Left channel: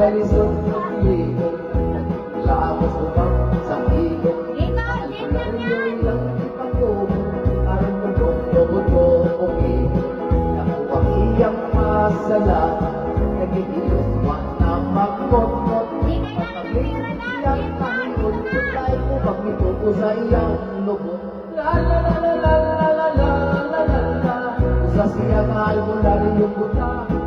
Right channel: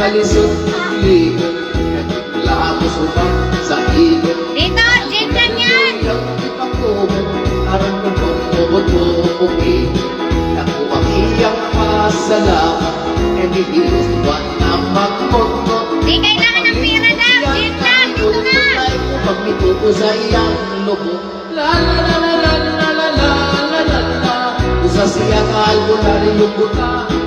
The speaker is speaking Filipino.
kalisod li labo subang sa ilog Dito, jeep lang yan. yang ipangkumo aron mo tubod mo okay ako ang iyang pasalamat e dihiwan na magmot Di kailangan ng pira daw. Jeep lang, dito na. pag mituto sa iyang lubog la la la la la la la la la la la sa siyang albularyo buta